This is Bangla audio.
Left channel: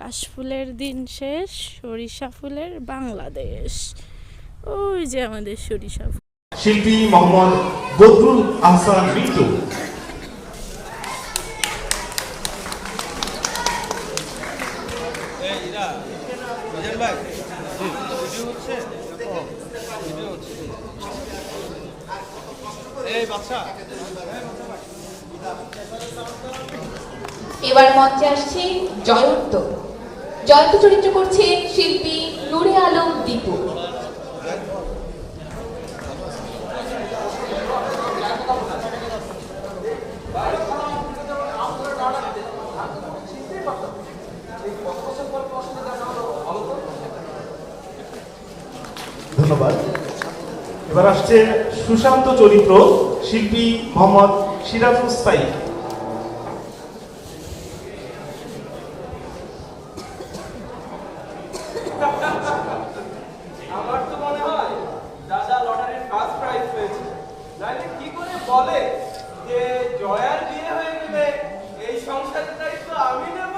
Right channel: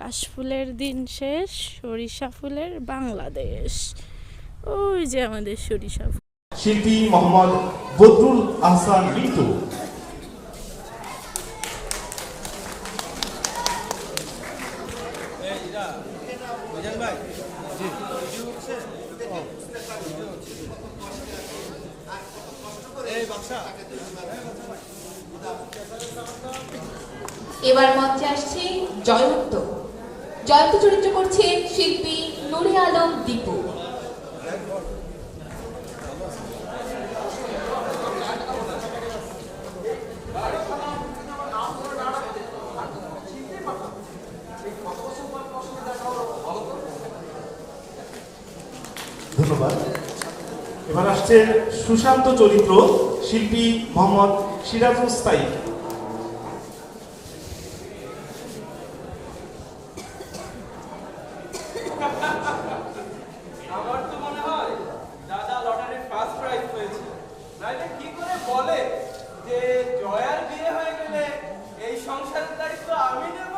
কাশফুলের দিন শেষ, সরিষা ফুলের বাংলাদেশ। ওই যে আমাদের সরিষা ফুল। শিল্পী মোহাম্মদ বদরুল আহসান মিন্টু। এবার মঞ্চে আসছে জয়ন্ত। জয়ন্ত চরিত্র করছে শিল্পী নুরে আলম দীপু। ধন্যবাদ। এবার আসছে সুশান্ত চরিত্র, শিল্পী মোহাম্মদ সিরাজুল সাইদ। আমার তো মনে হয় দাদা লটারির ফার্স্ট প্রাইজ পেয়েছে। নাইলে কি করে বলে যে জয়ার বিয়ে হয়ে গেলে এই সংসারের দায়িত্ব আমি নেব?